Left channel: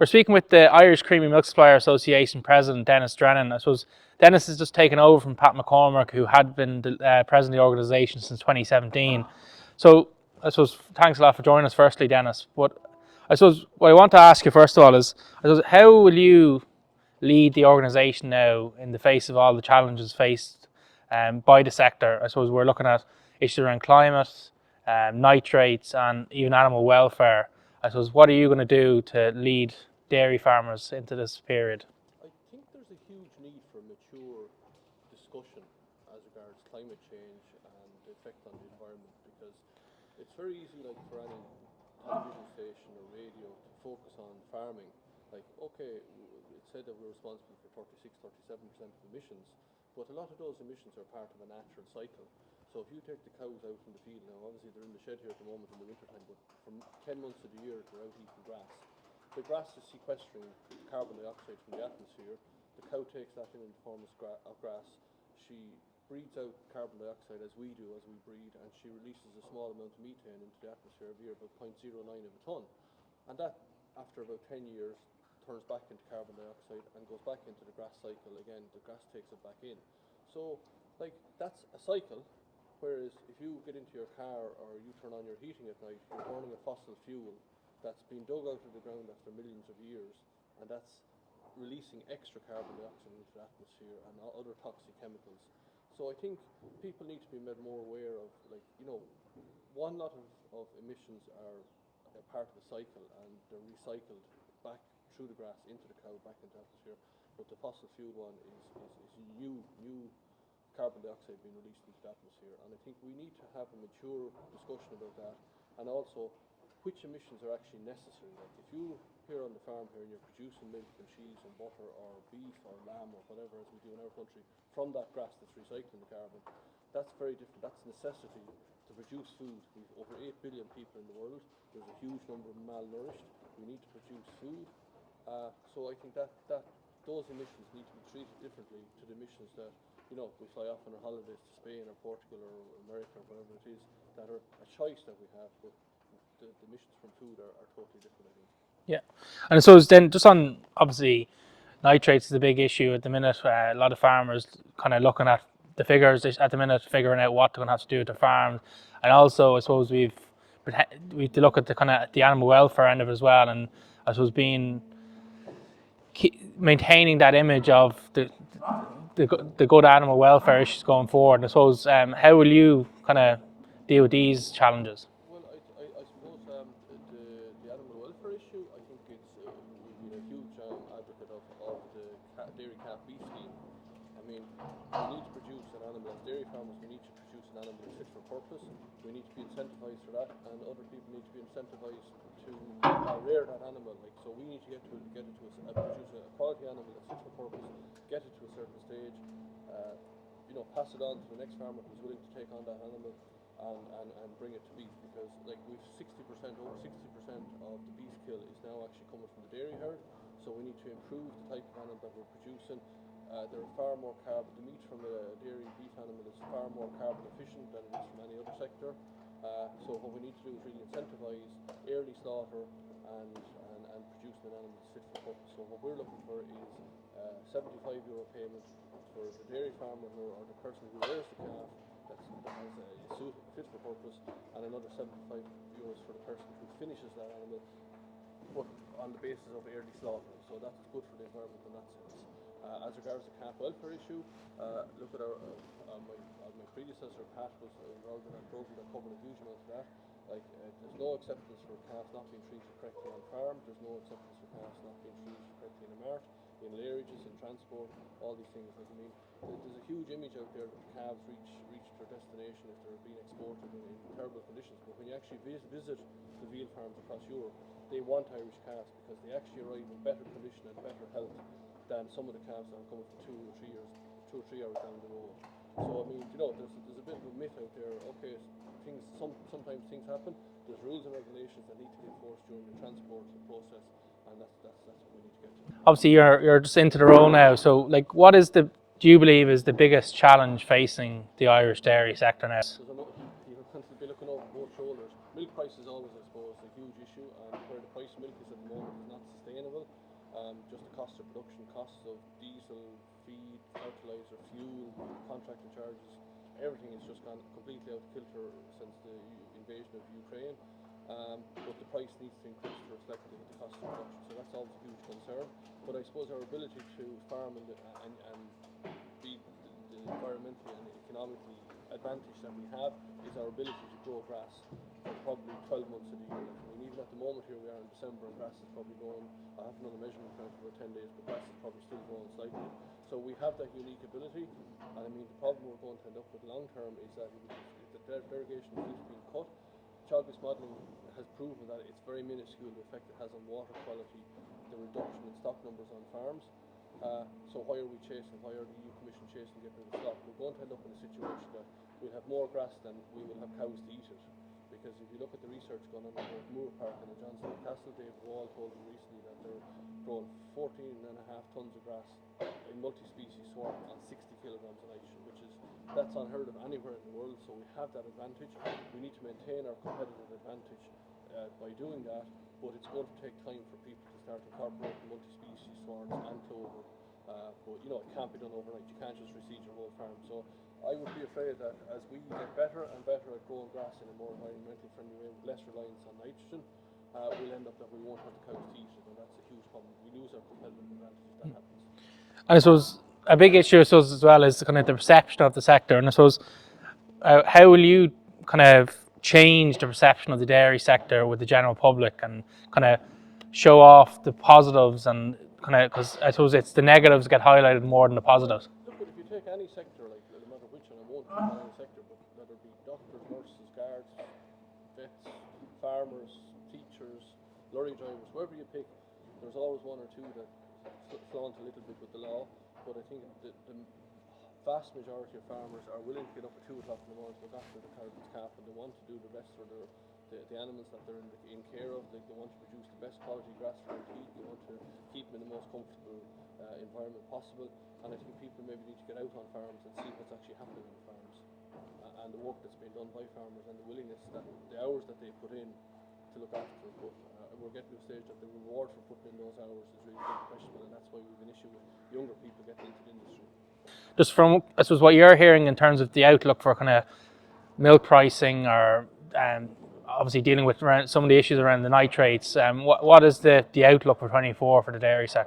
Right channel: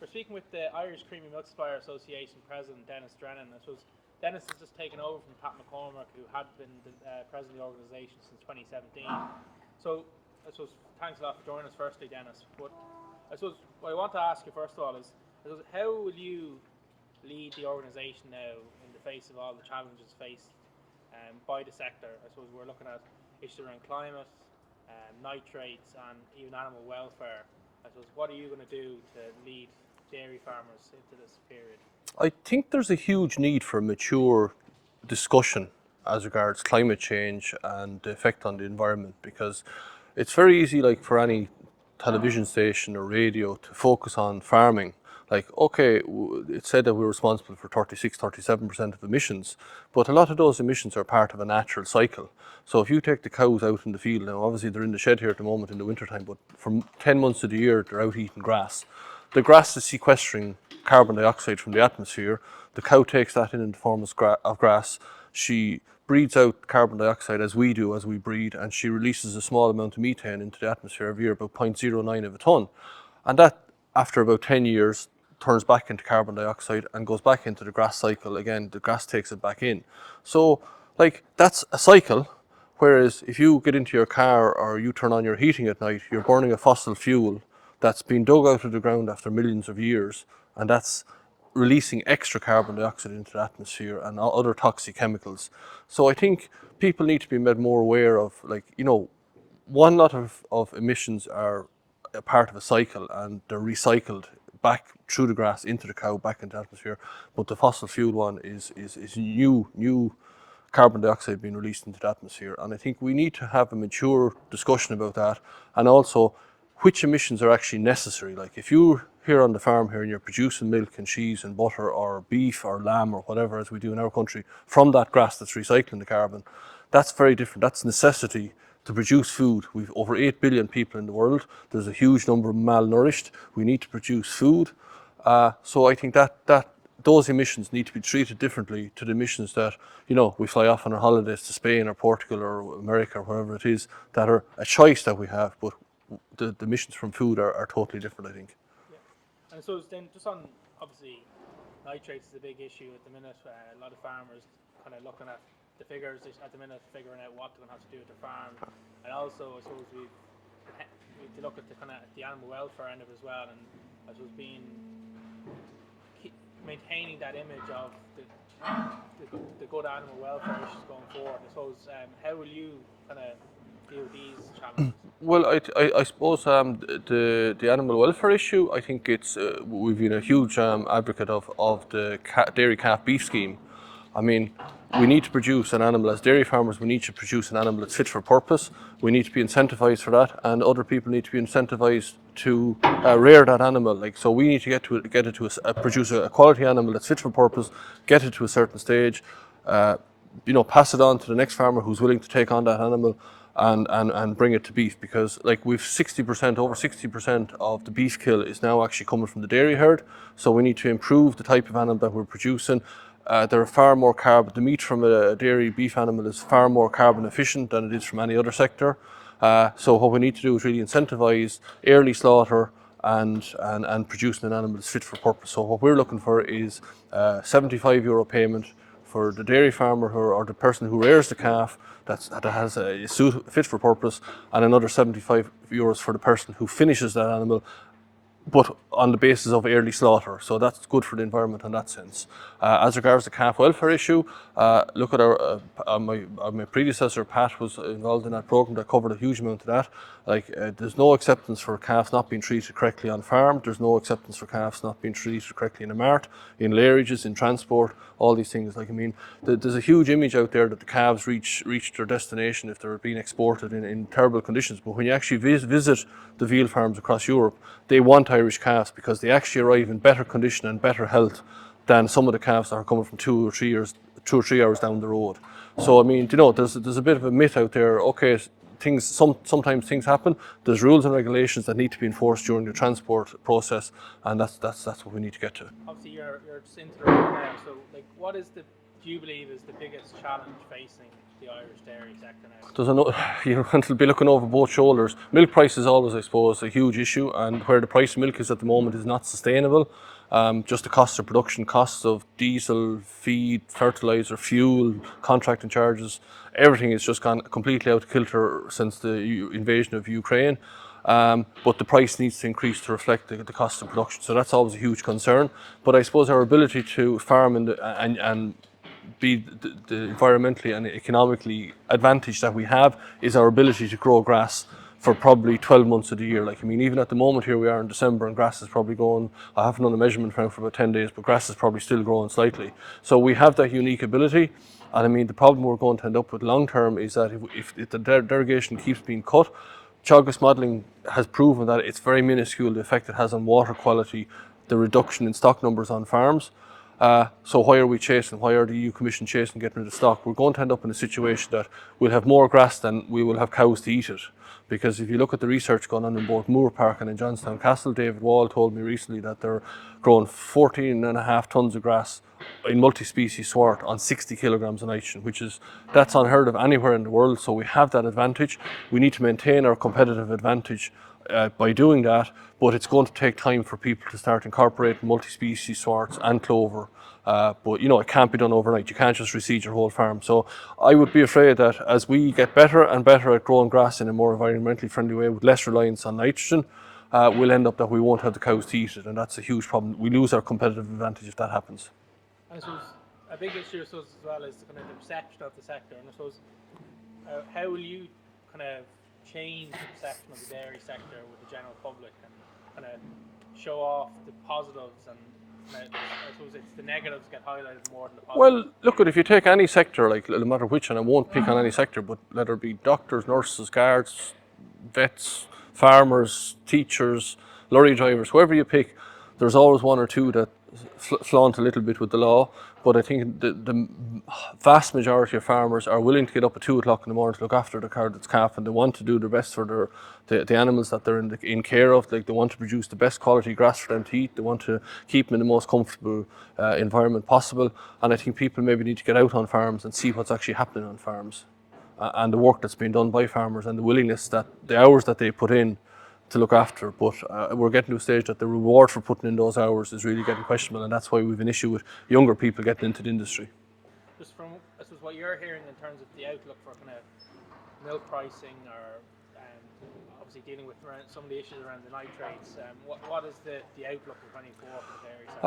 We're speaking with the Irish Creamery Milk Supplier Association President, Denis Drennan. I suppose Denis has just taken over from Pat McCormick, who had been the president of the organisation since 2017. So I suppose thanks a lot for joining us firstly, Denis. But I suppose what I want to ask you first of all is, I suppose, how will you lead the organisation now in the face of all the challenges faced by the sector? I suppose we're looking at issues around climate, nitrates and even animal welfare. I suppose, what are you going to do to lead dairy farmers into this period? I think there's a huge need for mature discussion as regards climate change and the effect on the environment, because it's very easy, like for any television station or radio, to focus on farming. Like, okay, it's said that we're responsible for 37% of emissions, but a lot of those emissions are part of a natural cycle. So if you take the cows out in the field, now obviously they're in the shed here at the moment in the wintertime, but for 10 months of the year they're out eating grass. The grass is sequestering carbon dioxide from the atmosphere. The cow takes that in the form of grass. She breathes out carbon dioxide as we do, as we breathe, and she releases a small amount of methane into the atmosphere every year, about 0.09 of a tonne. And that, after about 10 years, turns back into carbon dioxide and goes back into the grass cycle again. The grass takes it back in. So, like, that's a cycle. Whereas if you get into your car or you turn on your heating at night, you're burning a fossil fuel that's been dug out of the ground after millions of years, and that's releasing extra carbon dioxide into the atmosphere and other toxic chemicals. So I think people need to be made more aware of, like, one lot of emissions are a part of a cycle and they're recycled back through the grass into the cow, back into the atmosphere. But the fossil fuel one is new carbon dioxide being released into the atmosphere. And I think we need to have a mature discussion about that, and also which emissions are actually necessary. Like, if you're here on the farm here and you're producing milk and cheese and butter or beef or lamb or whatever, as we do in our country, from that grass that's recycling the carbon, that's very different. That's necessity to produce food. We've over 8 billion people in the world. There's a huge number of malnourished. We need to produce food. So I think that those emissions need to be treated differently to the emissions that, we fly off on our holidays to Spain or Portugal or America or wherever it is, that are a choice that we have, but the emissions from food are totally different, I think. Yeah. And I suppose then, just on, obviously, nitrates is a big issue at the minute. A lot of farmers kind of looking at the figures at the minute, figuring out what they're going to have to do with their farm. And also, I suppose we've to look at the kind of the animal welfare end of it as well. And I suppose maintaining that image of the good animal welfare issues going forward. And I suppose, how will you kind of deal with these challenges? Well, I suppose the animal welfare issue, I think it's we've been a huge advocate of the dairy calf beef scheme. I mean, we need to produce an animal, as dairy farmers, we need to produce an animal that's fit for purpose. We need to be incentivized for that, and other people need to be incentivized to rear that animal. Like, so we need to produce a quality animal that's fit for purpose, get it to a certain stage, pass it on to the next farmer who's willing to take on that animal and bring it to beef. Because, like, we've over 60% of the beef kill is now actually coming from the dairy herd. So we need to improve the type of animal that we're producing. There are far more the meat from a dairy beef animal is far more carbon efficient than it is from any other sector. So what we need to do is really incentivize early slaughter and producing an animal that's fit for purpose. So what we're looking for is €75 payment for the dairy farmer or the person who rears the calf that has a suit fit for purpose, and another €75 for the person who finishes that animal, but on the basis of early slaughter. So that's good for the environment in that sense. As regards the calf welfare issue, look at my predecessor Pat was involved in that program that covered a huge amount of that. Like, there's no acceptance for calves not being treated correctly on farm. There's no acceptance for calves not being treated correctly in a mart, in lairages, in transport, all these things. Like, I mean, there's a huge image out there that the calves reach their destination if they're being exported in terrible conditions. But when you actually visit the veal farms across Europe, they want Irish calves because they actually arrive in better condition and better health than some of the calves that are coming from 2 or 3 hours down the road. So, I mean, there's a bit of a myth out there. Okay, sometimes things happen. There's rules and regulations that need to be enforced during the transport process, and that's what we need to get to. Obviously, you're just into the role now. So, like, do do you believe is the biggest challenge facing the Irish dairy sector now? You want to be looking over both shoulders. Milk price is always, I suppose, a huge issue, and where the price of milk is at the moment is not sustainable. Just the cost of production, costs of diesel, feed, fertilizer, fuel, contracting charges, everything has just gone completely out of kilter since the invasion of Ukraine. But the price needs to increase to reflect the cost of production. So that's always a huge concern. But I suppose our ability to farm and be the environmentally and economically advantage that we have is our ability to grow grass for probably 12 months of the year. Like, I mean, even at the moment here we are in December and grass is probably going, I haven't done a measurement now for about 10 days, but grass is probably still growing slightly. So we have that unique ability. And I mean, the problem we're going to end up with long term is that if the derogation keeps being cut, Teagasc modelling has proven that it's very minuscule the effect it has on water quality, the reduction in stock numbers on farms. So why are we chasing? Why are the EU Commission chasing getting rid of stock? We're going to end up in a situation that we'll have more grass than we will have cows to eat it. Because if you look at the research going on in both Moore Park and in Johnstown Castle, David Wall told me recently that they're growing 14.5 tonnes of grass in multi-species swart on 60 kilograms of nitrogen, that's unheard of anywhere in the world. So we have that advantage. We need to maintain our competitive advantage by doing that, but it's going to take time for people to start incorporating multi-species swarts and clover. But you know, it can't be done overnight. You can't just reseed your whole farm. So I would be afraid that as we get better and better at growing grass in a more environmentally friendly way with less reliance on nitrogen, we'll end up that we won't have the cows to eat it, and that's a huge problem. We lose our competitive advantage if that happens. And I suppose a big issue, I suppose, as well is kind of the perception of the sector. And I suppose, how will you kind of change the perception of the dairy sector with the general public and kind of show off the positives and kind of, because I suppose it's the negatives get highlighted more than the positives. Well, look, if you take any sector, like no matter which, and I won't pick on any sector, but let it be doctors, nurses, guards, vets, farmers, teachers, lorry drivers, whoever you pick, there's always one or two that flaunt a little bit with the law. But I think the vast majority of farmers are willing to get up at 2 o'clock in the morning to look after the cow that's calf, and they want to do their best for the animals that they're in care of. Like, they want to produce the best quality grass for them to eat. They want to keep them in the most comfortable environment possible. And I think people maybe need to get out on farms and see what's actually happening on farms, and the work that's being done by farmers, and the willingness that the hours that they put in to look after. But we're getting to a stage that the reward for putting in those hours is really getting questionable, and that's why we've an issue with younger people getting into the industry. Just from, I suppose, what you're hearing in terms of the outlook for kind of milk pricing, or obviously dealing with some of the issues around the nitrates, what is the outlook for 24 for the dairy sector?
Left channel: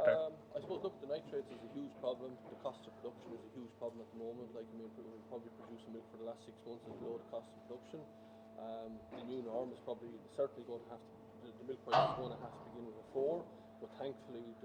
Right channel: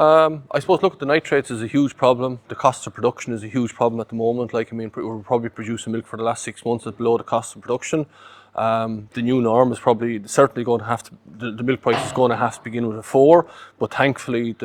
I suppose, look, the nitrates is a huge problem. The cost of production is a huge problem at the moment. Like, I mean, we're probably producing milk for the last 6 months at below the cost of production. The new norm is certainly going to have to, the milk price is going to have to begin with a 4, but thankfully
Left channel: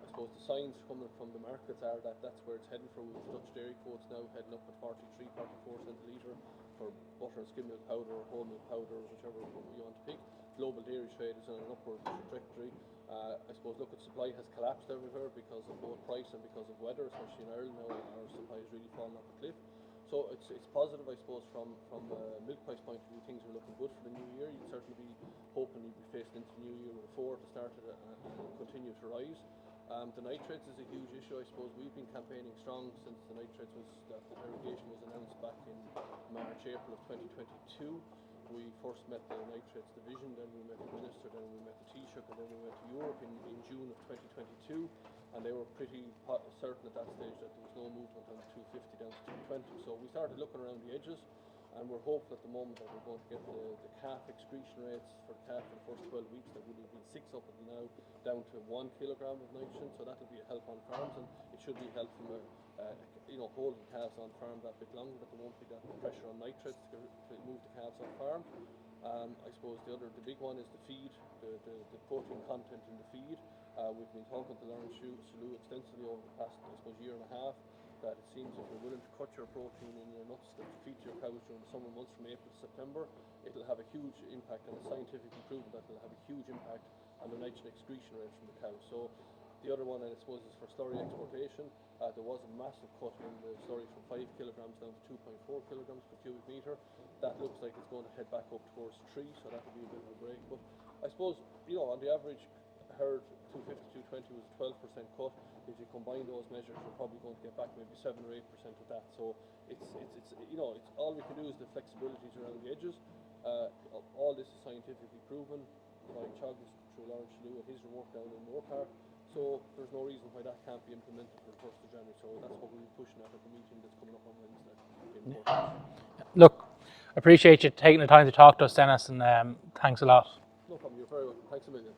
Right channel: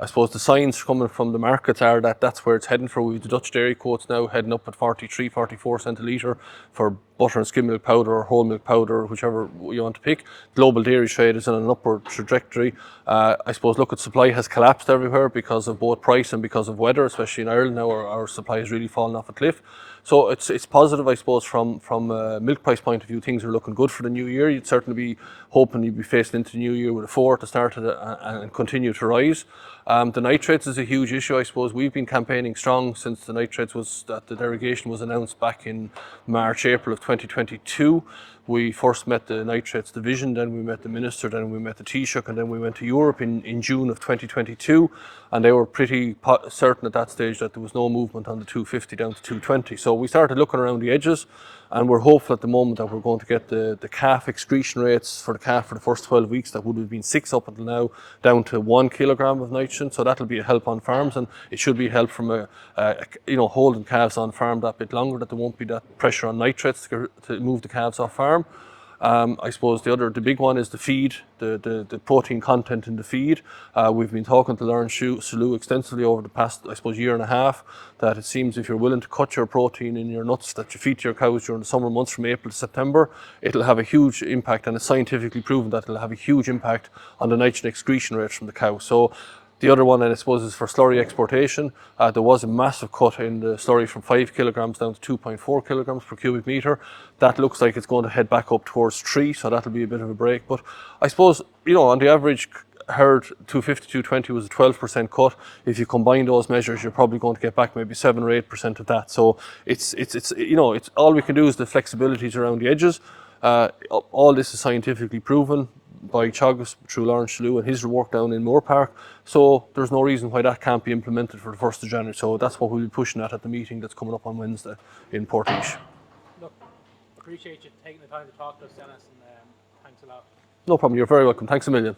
I suppose the signs coming from the markets are that that's where it's heading for. We've the Dutch dairy quotes now heading up at 43, 44 cent a litre for butter and skim milk powder or whole milk powder, whichever you want to pick. Global dairy trade is in an upward trajectory. I suppose, look, at supply has collapsed everywhere because of both price and because of weather, especially in Ireland now. Our supply has really fallen off a cliff. So it's positive, I suppose, from a milk price point of view. Things are looking good for the new year. You'd certainly be hoping you'd be facing into the new year with a 4 to start it and continue to rise. The nitrates is a huge issue, I suppose. We've been campaigning strong since the nitrates the derogation was announced back in March, April of 2022. We first met the nitrates division, then we met the minister, then we met the Taoiseach, and then we went to Europe in June of 2022, and they were pretty certain at that stage that there was no movement on the 250 down to 220. So we started looking around the edges, and we're hopeful at the moment that we're going to get the calf excretion rates for the calf for the first 12 weeks that would have been 6 up until now down to 1 kilogram of nitrogen. So that'll be a help on farms, and it should be a help from holding calves on farm that bit longer, that there won't be that pressure on nitrates to move the calves off farm. I suppose the big one is the feed, the protein content in the feed. We've been talking to Lauren Salou extensively over the past, I suppose, year and a half, that it seems if you're willing to cut your protein in your nuts that you feed to your cows during the summer months from April to September, it'll have a huge impact, and it's scientifically proven that it'll have a huge impact on the nitrogen excretion rates from the cow. So the other one, I suppose, is for slurry exportation. There was a massive cut in the slurry from 5 kilograms down to 2.4 kilograms per cubic metre. That looks like it's going to head back up towards 3, so that'll be a bit of a break. But I suppose, on the average, heard 250, 220 was a 12% cut. If you combine those measures, you're probably going to get back maybe 7 or 8% of that. So it's it's all we can do is the flexibilities around the edges. All this is scientifically proven by Teagasc through Lawrence Shalhoub and his work down in Moore Park. So there's no reason why that can't be implemented for the 1st of January. So that's what we'll be pushing at the meeting that's coming up on Wednesday in Portage. Look, appreciate you taking the time to talk to us, Dennis, and thanks a lot. No problem. You're very welcome. Thanks a million.